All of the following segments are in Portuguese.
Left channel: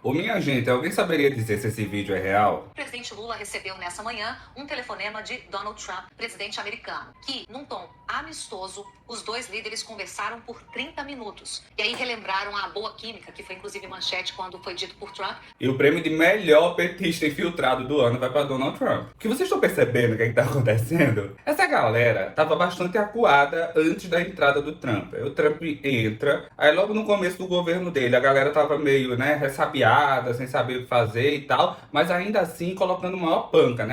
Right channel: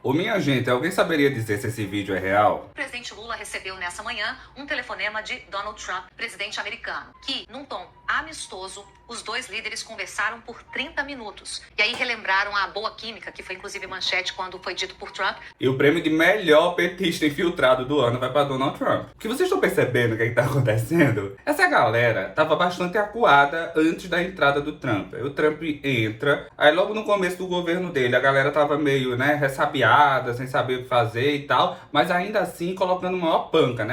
Ô minha gente, alguém saberia dizer se esse vídeo é real? O presidente Lula recebeu nessa manhã um telefonema de Donald Trump, presidente americano, que, num tom amistoso, os dois líderes conversaram por 30 minutos. E aí relembraram a boa química, que foi inclusive manchete quando foi dito por Trump. E o prêmio de melhor petista infiltrado do ano vai para Donald Trump. Que vocês estão percebendo o que está acontecendo? Essa galera estava bastante acuada antes da entrada do Trump. Aí o Trump entra, aí logo no começo do governo dele a galera tava meio, ressabiada, sem saber o que fazer e tal, mas ainda assim colocando maior panca,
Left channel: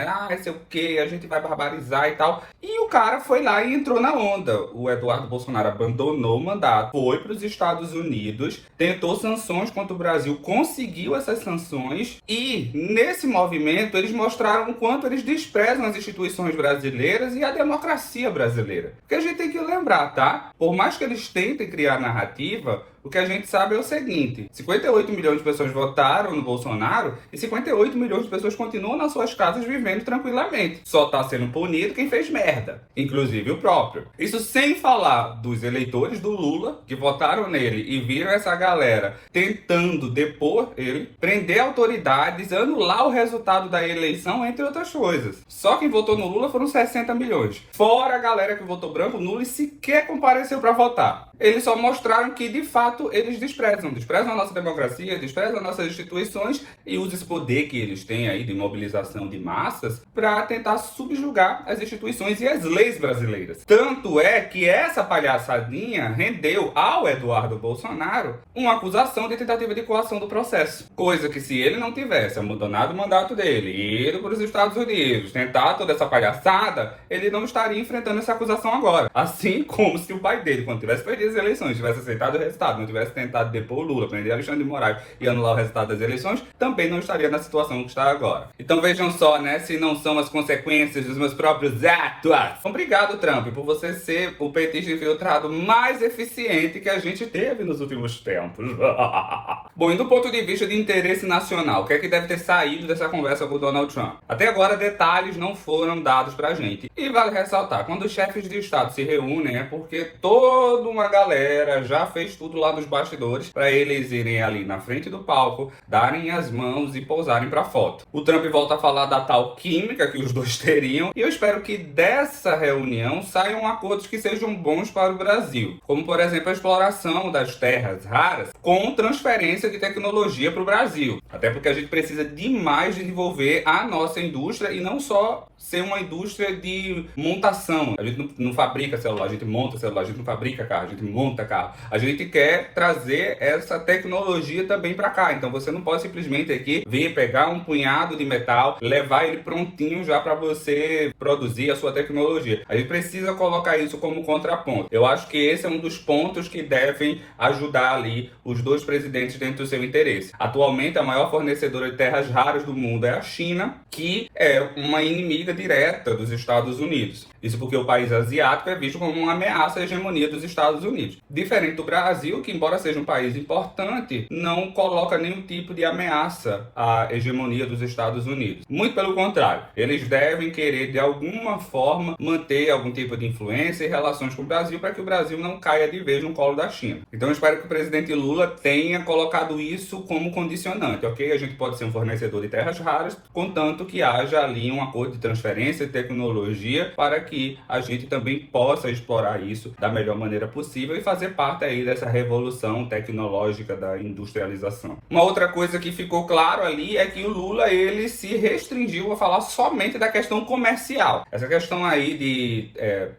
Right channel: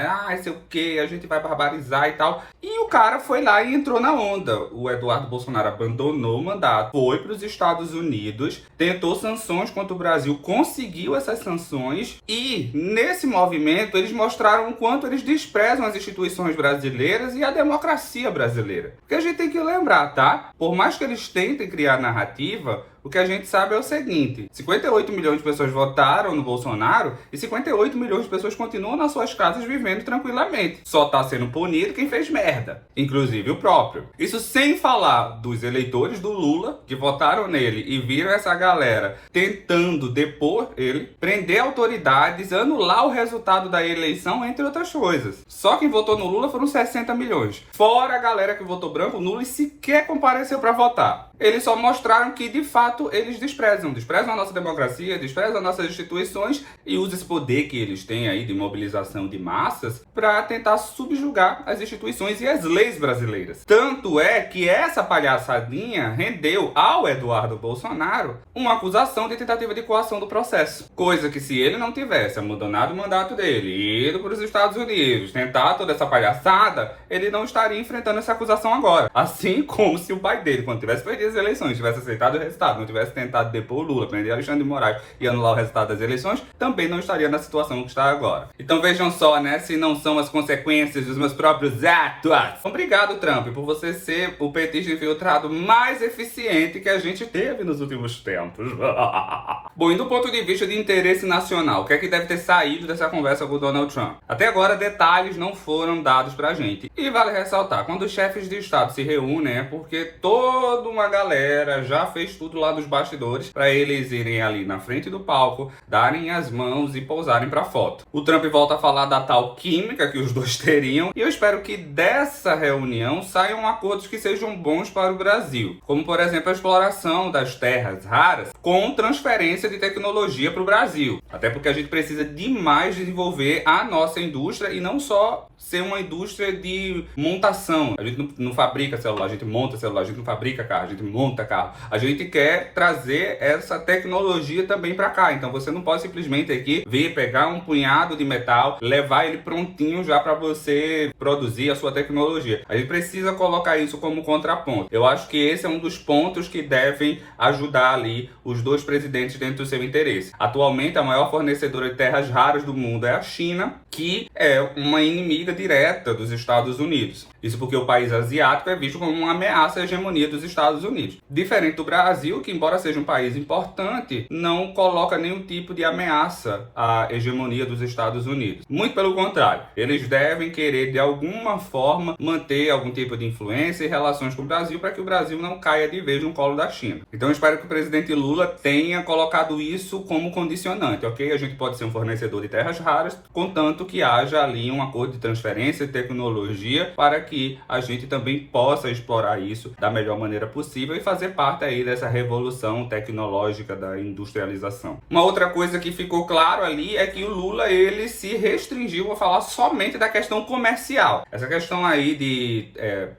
sei o que, a gente vai barbarizar e tal. E o cara foi lá e entrou na onda. O Eduardo Bolsonaro abandonou o mandato, foi para os Estados Unidos, tentou sanções contra o Brasil, conseguiu essas sanções e nesse movimento eles mostraram o quanto eles desprezam as instituições brasileiras e a democracia brasileira. Porque a gente tem que lembrar, tá? Por mais que eles tentem criar narrativa, o que a gente sabe é o seguinte: 58 milhões de pessoas votaram no Bolsonaro e 58 milhões de pessoas continuam nas suas casas vivendo tranquilamente. Só tá sendo punido quem fez merda, inclusive o próprio. Isso sem falar dos eleitores do Lula, que votaram nele e viram essa galera tentando depor ele, prender autoridades, anular o resultado da eleição, entre outras coisas. Só quem votou no Lula foram 60 milhões. Fora a galera que votou branco nulo e sequer compareceu para votar. Eles só mostraram que, de fato, eles desprezam a nossa democracia, desprezam nossas instituições e usam esse poder que eles têm aí de mobilização de massas para tentar subjugar as instituições e as leis brasileiras. Tanto é que essa palhaçadinha rendeu ao Eduardo Bolsonaro uma acusação de tentativa de coação do processo. Coisa que, se ele não tivesse abandonado o mandato dele, ido para os Estados Unidos, tentar toda essa palhaçada, ele não estaria enfrentando essa acusação agora. Assim como se o pai dele, quando tivesse perdido as eleições, tivesse aceitado o resultado, não tivesse tentado depor o Lula, prender Alexandre de Moraes e anular o resultado das eleições, também não estaria na situação que está agora. Então vejam só, se não são as consequências dos meus próprios atos. Obrigado, Trump, por você ser o petista infiltrado mais eficiente que a gente teve nos últimos tempos. Bom, e do ponto de vista de interesse nacional, o que é que deve ter saído dessa conversa com o Donald Trump? Até agora, detalhes não foram dados pra gente. E vale ressaltar, quando os chefes de Estado se reúnem, é porque toda uma galera já fez tudo lá nos bastidores para eles irem ali na frente do palco, darem as mãos e pousarem pra foto. O Trump volta a falar da tal química que os dois teriam, e eu espero que dessa reunião saiam acordos que sejam bons para o Brasil, como por exemplo a exploração das terras raras com transferência de tecnologia para o Brasil. Até porque a gente precisa demais desenvolver a nossa indústria e não só ser uma indústria de montação. A gente não fabrica celular, a gente monta celular, a gente não fabrica carro, a gente monta carro. A gente quer trazer essa tecnologia também para cá. Então você não pode simplesmente aqui vir pegar um punhado de metal, levar ele prontinho já para você produzir a sua tecnologia. A gente precisa colocar isso como contraponto. Eu acho que esse é um dos pontos que devem ajudar ali os dois presidentes dentro do seu interesse. Atualmente, a maior fornecedora de terras raras do mundo é a China, que é uma inimiga direta dos Estados Unidos. Isso porque o país asiático é visto como uma ameaça à hegemonia dos Estados Unidos. Diferente do Brasil, que embora seja um país importante, não coloca nenhum tipo de ameaça à hegemonia dos Estados Unidos. Muito pelo contrário, eles devem querer de alguma forma manter algum tipo de influência e relações com o Brasil para que o Brasil não caia de vez no colo da China. Então eu espero que o presidente Lula tenha colocado isso como condicionante, ok? A gente pode ser um fornecedor de terras raras, contanto que haja ali um acordo de transferência de tecnologia para que a gente também possa explorar isso da melhor maneira possível e fazer parte aí dessa revolução tecnológica da industrialização. Uma outra coisa que ficou claro ali é que o Lula, ele se restringiu a falar somente da questão comercial. Essa questão aí de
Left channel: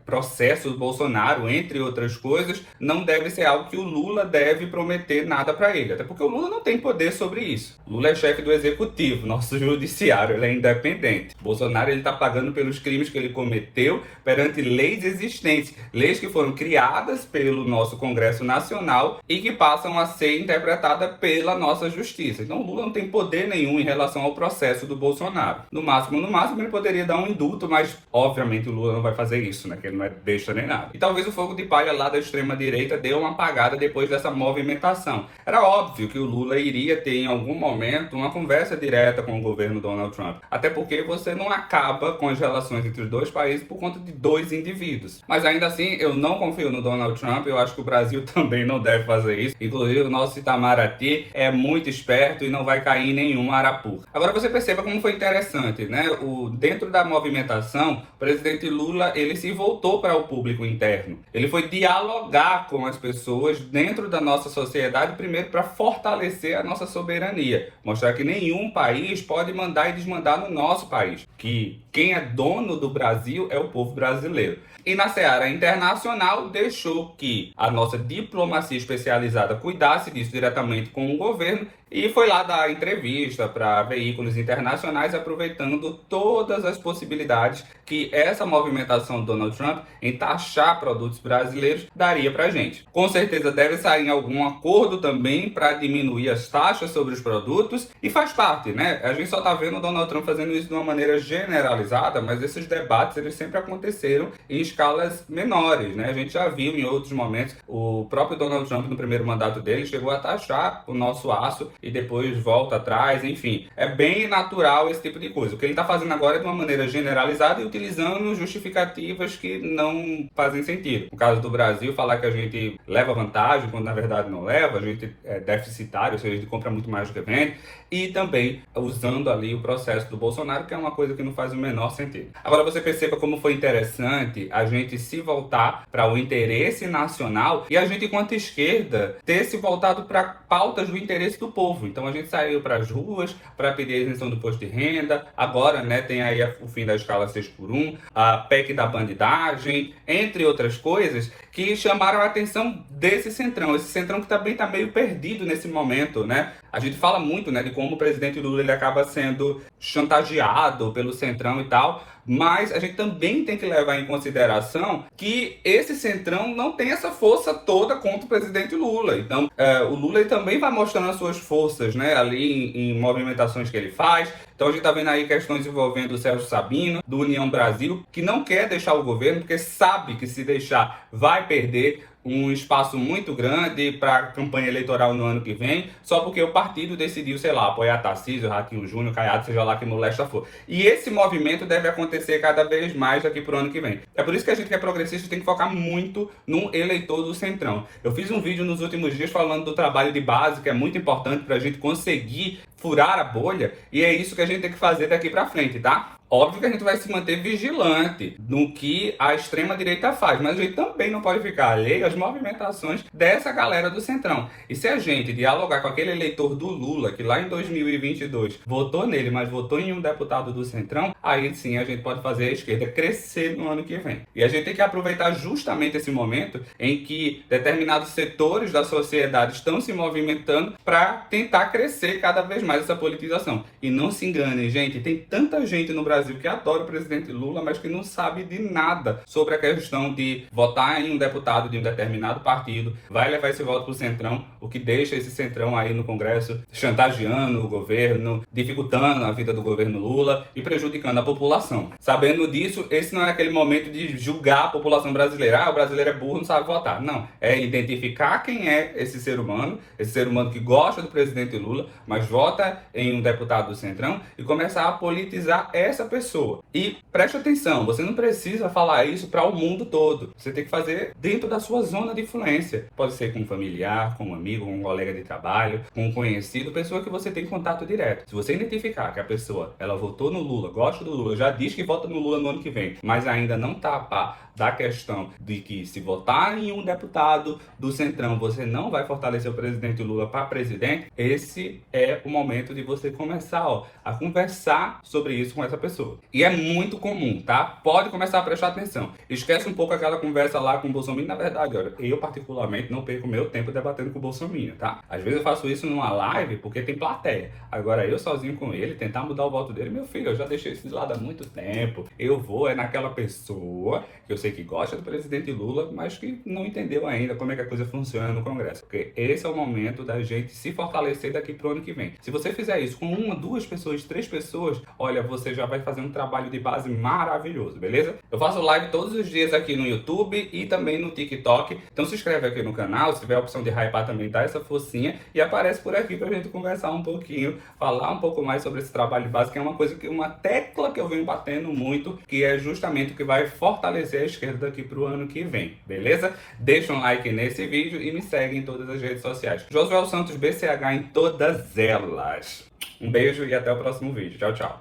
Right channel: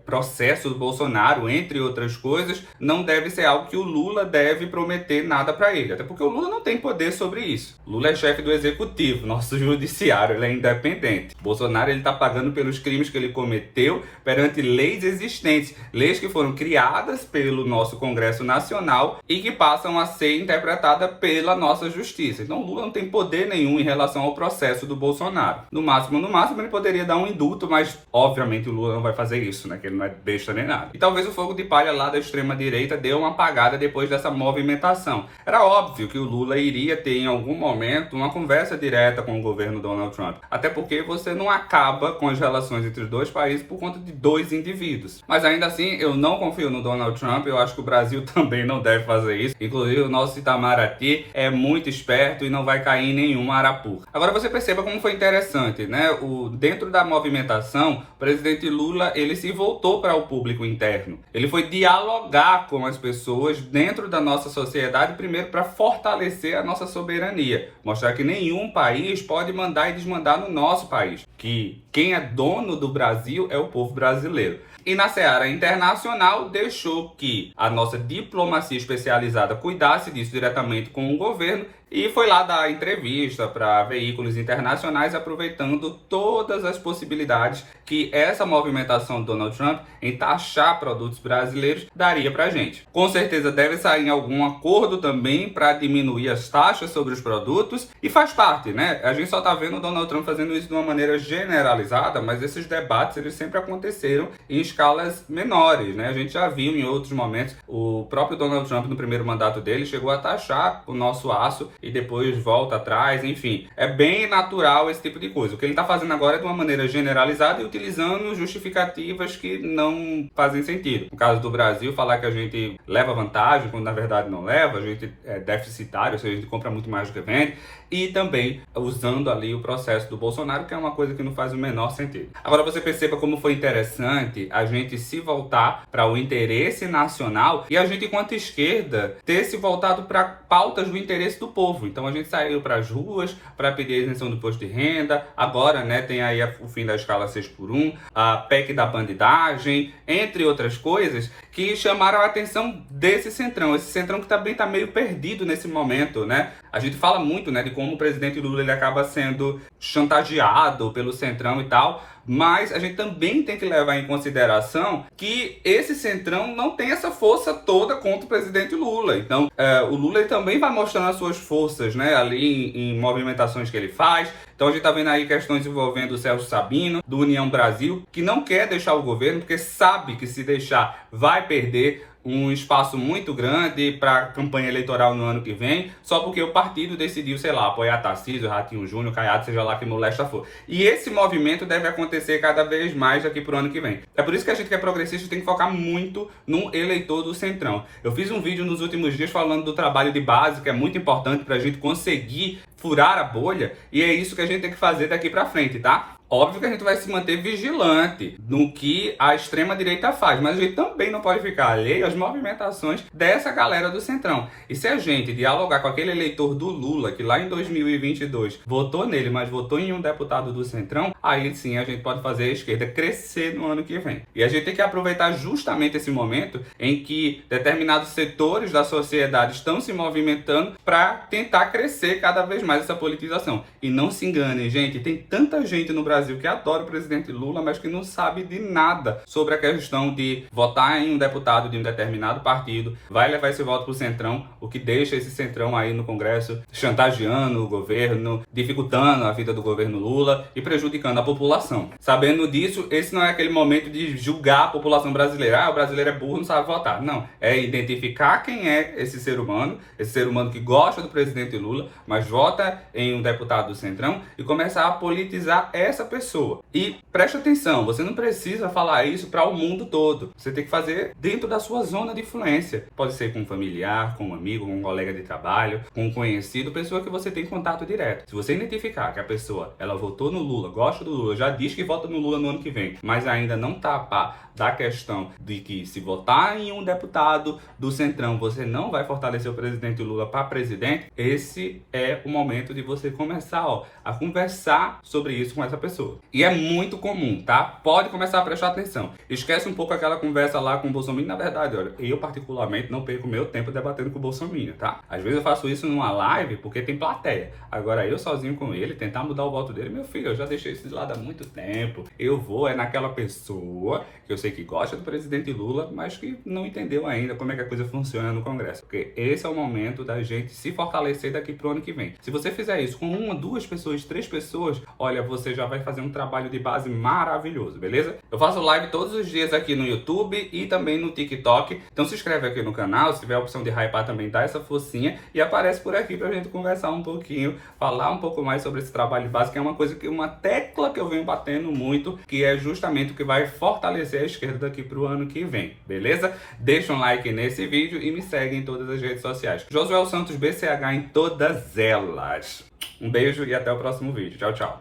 processo do Bolsonaro, entre outras coisas, não deve ser algo que o Lula deve prometer nada para ele, até porque o Lula não tem poder sobre isso. O Lula é chefe do executivo, nosso judiciário, ele é independente. Bolsonaro, ele tá pagando pelos crimes que ele cometeu perante leis existentes, leis que foram criadas pelo nosso Congresso Nacional e que passam a ser interpretadas pela nossa justiça. Então o Lula não tem poder nenhum em relação ao processo do Bolsonaro. No máximo, ele poderia dar um indulto, mas obviamente o Lula não vai fazer isso, que ele não é besta nem nada. E talvez o fogo de palha lá da extrema-direita dê uma apagada depois dessa movimentação. Era óbvio que o Lula iria ter em algum momento uma conversa direta com o governo Donald Trump. Até porque você não acaba com as relações entre os dois países por conta de dois indivíduos. Mas ainda assim, eu não confio no Donald Trump, eu acho que o Brasil também não deve fazer isso. Inclusive, o nosso Itamaraty é muito muito esperto e não vai cair em nenhuma arapuca. Agora você perceba como foi interessante, né? Dentro da movimentação, o presidente Lula, ele se voltou para o público interno. Ele foi dialogar com as pessoas dentro da nossa sociedade, primeiro para fortalecer a nossa soberania. Mostrar que nenhum país pode mandar e desmandar no nosso país. Que quem é dono do Brasil é o povo brasileiro. E na seara internacional, deixou que a nossa diplomacia especializada cuidasse disso diretamente com o governo e foi lá dar entrevista para veículos internacionais, aproveitando todas as possibilidades que essa movimentação do Donald Trump em taxar produtos brasileiros daria para a gente. Com certeza deve sair algum acordo também para diminuir as taxas sobre os produtos e faz parte, né? A gente só está vendo o Donald Trump fazendo isso de uma maneira generalizada, mas esses debates eles sempre aconteceram em escalas menores, né? A gente já viu em outros momentos, o próprio Donald Trump no primeiro mandato dele chegou a taxar o nosso aço e depois volta atrás, enfim. É bem natural esse tipo de coisa. O que ele está fazendo agora é de uma maneira generalizada e utilizando justificativas que não fazem sentido. No caso do Brasil, falar que a gente leva vantagem, quando na verdade não leva, a gente é deficitário, ou seja, a gente compra muito mais do que vende, e também usando ali o processo do Bolsonaro, que é uma coisa que não faz o menor sentido. Agora você perceba como foi interessante a gente se voltar para o interesse nacional e a gente, enquanto esquerda, ter se voltado para pautas do interesse do povo. Então a gente saiu para as ruas para pedir a isenção do imposto de renda, agora, né, tem aí o fim da escala 6x1, a PEC da bandidagem, entre outras coisas que chamaram a atenção desse centrão. Esse centrão que também está meio perdido nesse momento, né? A gente fala muito, né, de como o presidente Lula ele acaba sendo chantageado pelo centrão e tal, mas a gente também tem que levar em consideração que esse centrão não tem essa força toda contra o presidente Lula. Então, o Lula ele também vai mostrando as suas forças, né, ali em movimentações que ele faz. Então a gente está vendo aí questões envolvendo o Celso Sabino, do União Brasil, que não quer deixar o governo, porque sabe que se deixar vai perder um espaço muito grande para a campanha eleitoral no ano que vem, só porque o partido decidiu, sei lá, apoiar Tarcísio, Ratinho Júnior, Caiado, seja lá que molesta for. E esse movimento deve acontecer cada vez mais daqui para o ano que vem. É por isso que a gente que é progressista tem que focar muito no eleitor do Centrão. Eu fiz um vídeo nos últimos dias falando do trabalho de base, que é muito importante para a gente conseguir furar a bolha, e é isso que a gente tem que fazer daqui para frente, tá? Óbvio que a gente vai se manter vigilante no que a extrema-direita faz, mas a gente também não pode ficar alheio às movimentações dessa galera do Centrão. E se a gente dialogar com aquele eleitor do Lula, que lá em 2022 votou nele, mas votou em um deputado do Centrão, aí sim a gente pode fazer a esquerda crescer no ano que vem. E a gente tem que aproveitar justamente esse momento em que determinados setores da sociedade estão se movimentando para tentar crescer cada vez mais essa politização. E não se enganem, gente, tem tanta gente no Brasil que adora o presidente Lula, mas que não sabe de nada sobre a questão de votar em um deputado de um determinado partido, vai levar esse voto para o Centrão, o que deixa esse Centrão aí no Congresso chantageando o governo, dificultando a vida do governo Lula e prejudicando a população. Sabendo disso, esse não é aquele momento de julgar a população brasileira. Ah, o brasileiro é burro, não sabe votar. Não, é identificar quem é esse ser humano que gosta do presidente Lula, mas vota em um deputado do Centrão e começar a politizar essa pessoa. E preste atenção, você não precisa falar isso para o mundo todo. Você tem que fazer dentro da sua zona de influência. Pode ser com um familiar, com um amigo, com um colega de trabalho, com um conhecido, pessoa que você tem contato direto. Se você identificar que a pessoa, ela votou no Lula, gosta do Lula, já diz que vota no Lula no ano que vem, mas ainda não tá a par da questão de que se votar em um deputado do Centrão, você não vai fortalecer o presidente Lula para presidente, esse é o momento de você começar a conversar sobre isso com essa pessoa. E é muito comum, tá? Pode começar a prestar atenção. Esquece um pouco aquela conversa lá com o Bolsonaro. Na verdade, olha, eu particularmente não perco meu tempo debatendo com o Bolsonaro, tá? Às vezes eu faço isso numa live porque tem plateia. Agora eu sozinho com ele, tentar mudar o voto dele, meu filho, eu já deixei isso de lado há muito tempo. Eu vou naquela pessoa que eu sei que gosta do presidente Lula, mas que não entendeu ainda como é que a coisa funciona no Congresso. Porque esse é o momento da gente se fortalecer daqui pro ano que vem. Se você fizer isso com uma, duas pessoas, três pessoas, olha, você já vai fazer um trabalho de base maravilhoso, beleza? Eu faço live todos os dias aqui no YouTube e também no TikTok. Então se inscreve aqui no canal, se tiver a opção de hypar também também dá essa forcinha e aparece por aqui pra gente conversar um pouquinho, falar um pouco mais sobre esse trabalho de base, que é uma coisa que, uma tecla que eu venho batendo muito, que é justamente o que vai fortalecer a esquerda daqui pro ano que vem, beleza? Deixa um like nesse vídeo e me segue em todas as redes sociais. Josué Santos BCH em todas elas. Um beijo e até o próximo vídeo. Tchau, tchau.